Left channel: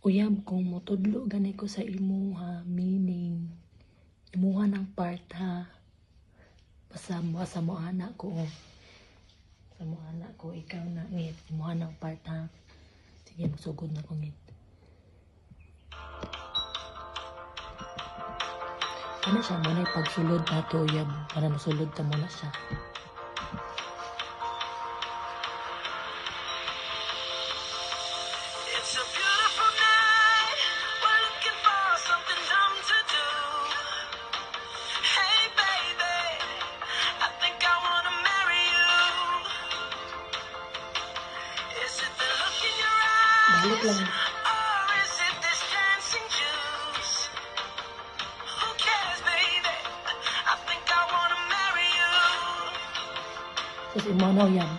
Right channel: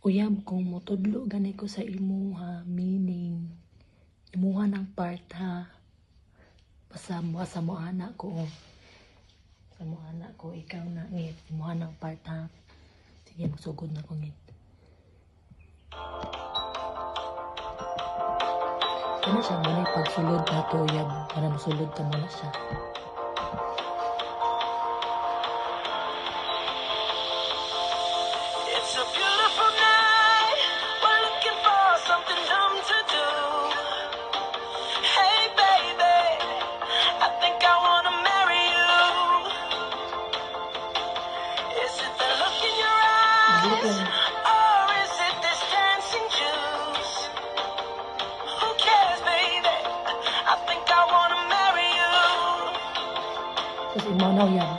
Uyab kung motudlo gani ko sa imuha, meaning imuha ng part ha. Basta mo anak ko. Sa mo anak ko, ikaw na ngit. Imuha ng part ha. Sige, masugod na ko ngit. Kaya siya muna pagsulod na to, uyab. Para masulod ka muna siya. Balik lang. Tapos imanaw yan.